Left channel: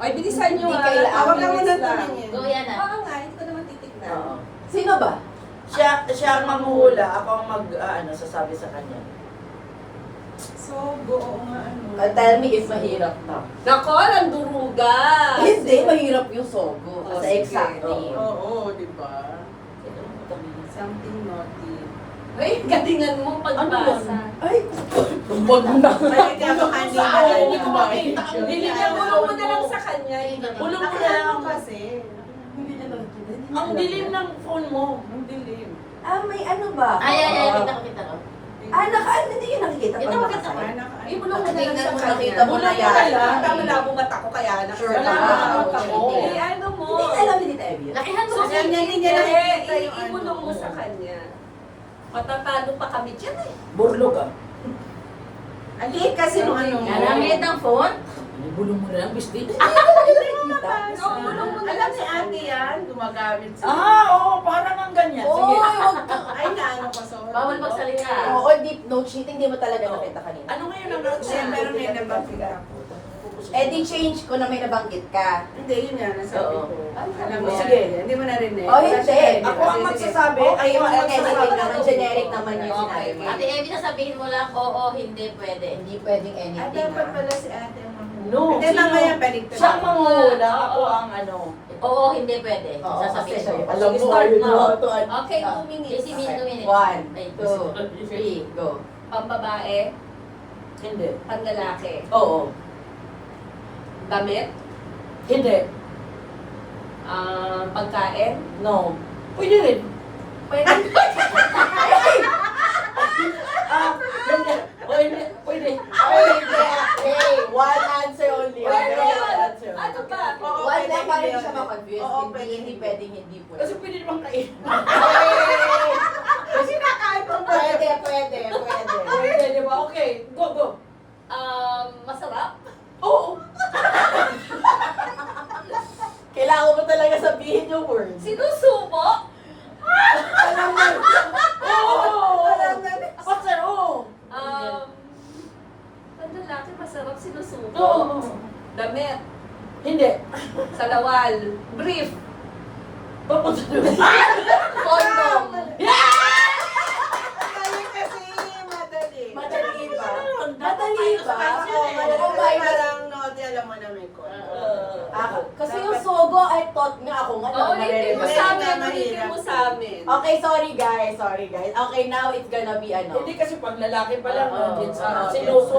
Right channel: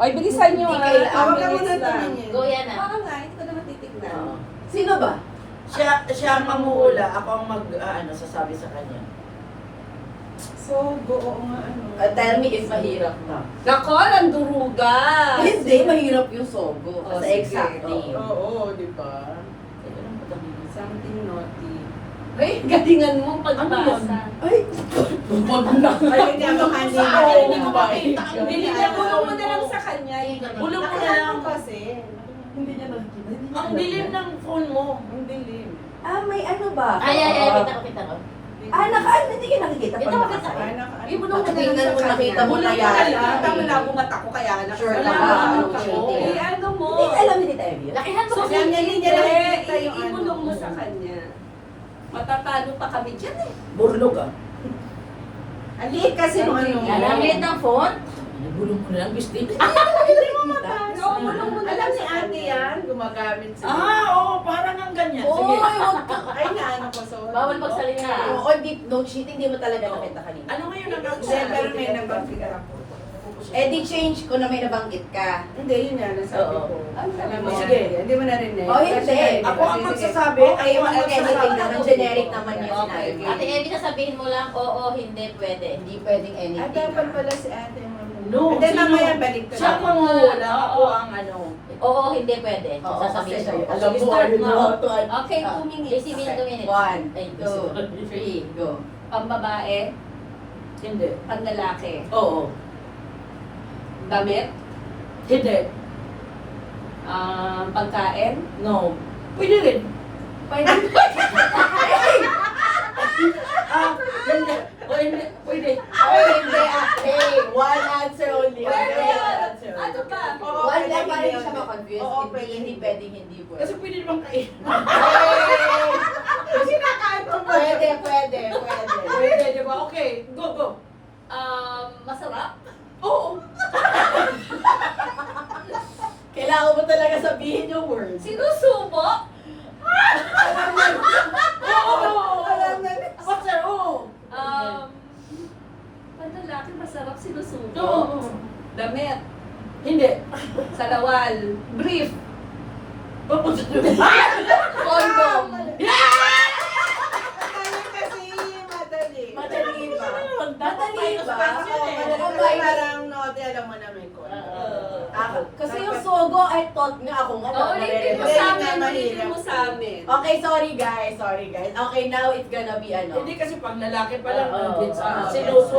Oy, bilisan nyo Hindi ha. kailangan. Huwag ka Minutes muna lang. tumingin. Go yan ah. Baka nga, hindi ko naman titignan. Oo. Sino ba? Siya ang manghuhula, ako ang sasabi sa kanya. So, oo nga ano. Tell me if mahirap na. Nako, nanduruga. Hindi, mahirap yung sogo. Oh, Kasi sige. exact name. Oo, di ba? Ito lang po tabi. Something naughty. Ay, galingan mo pagbasa. Ay, bumag na. Ay, gagawin niya. Ay, hindi ko ba? Binigyan mo mo na lang sa kanya. Bulong ko na lang Nakakano kasi. Hindi niya nakikita. Ang dilim ng phone mo. Ang dilim. May ano ba? Ay, kita ko kita ko. Hindi ka nakikita Hindi pag ko nakasaya. makita. Ibulong mo na lang Tingnan sa ko, kanya. nakita mo Bulong na mo na yan. lang. Tama na, bumata ko kaya. Sure Wala ka ka ba? ba? Ano, Ako. cheating? Eh, ano mo? Hindi alam ni Tita Evie. Lakihan mo So, kasi. Alam niya, hindi niya nakikita yung ano. ibulong mo sa kanya. Matatalo pa kami dyan eh. Burlo ka. Ang liit kasi nung ano. Ang liit ng phone. Bulong mo na lang, biscuit. No, bulong mo na Alam lang si sa ate kanya. yan, gumagamit siya. Oo, parang ang ganyan. Oo, Sige. huwag ka. Ay, naano ko sa Bawal magsalita. Oo, deep no cheating, di mo talaga nakita kanina. Ano ngayon ang Hindi, pero may nabanggit ako. Eh di change ko na may nabanggit ka. Hindi, yun nga, nasabi Oo. ko. Ano Alam sabi mo, mo? sige, hindi mo narinig. Oh, hindi. Kasi narinig Ako kasi, ang sige. magsasabi. Okay, Ako yung ang editing magsasabi. naman, generic naman yung Okay, sinabi. Ate Evie, sabihin mo lang, oo, hindi, pwede. Hindi pwedeng Ah, anything. dapat ah. pala si ate yung No, Hindi, sino? mamaya balik ko. Siya ang manghuhula, Oo. ako ang ano. Oo, hindi pwede. Oo, Sasabihin kasi mo. alam mo, Start ayun mo. na to. Okay, 2 minutes. 2 minutes. 1, Ay, 2, 3, go. Pambabae, Hindi. panlalaki. Oo. Damit, Hindi. pagkain. No. Pwede rin. Pwede. Hindi. Pwede. Pwede. Oh, hindi. Okay, one answer only. Pwede Okay, yun. one answer. Ano ba? Oo, One pwede, lang para hindi, hindi siya hindi. ma-confuse. Oo, Hindi, pwede, hindi hindi. pwedeng hindi Kasi pwede. pwede naman kain. Kasi nakain ko ba? Pwede, pwede, pwede. Pwede, di ba? Okay. Go, go. Masarap. Oo. Kailangan mo talaga sabihin yung words. Sinusubo. Alam mo. Oo. Alam na. Pasar, oo. Panlalaki, masarap sinusubo. Oo. Damit, Hindi. salawal, brief, Papunta condom. Madali kasi, madali. Madali ba? Madali ba? Oo, madali. Oh, Kasi my parang note, alam mo na may ko. Kasi yung sogo, I thought nga ako nga. Oo, ulitin mo sa amin, ulitin mo sa amin. Okay, sorry guys, sorry guys. Okay, now it's gonna be ano. Hindi kasi pag lalaki pa lang, Oo. sinuso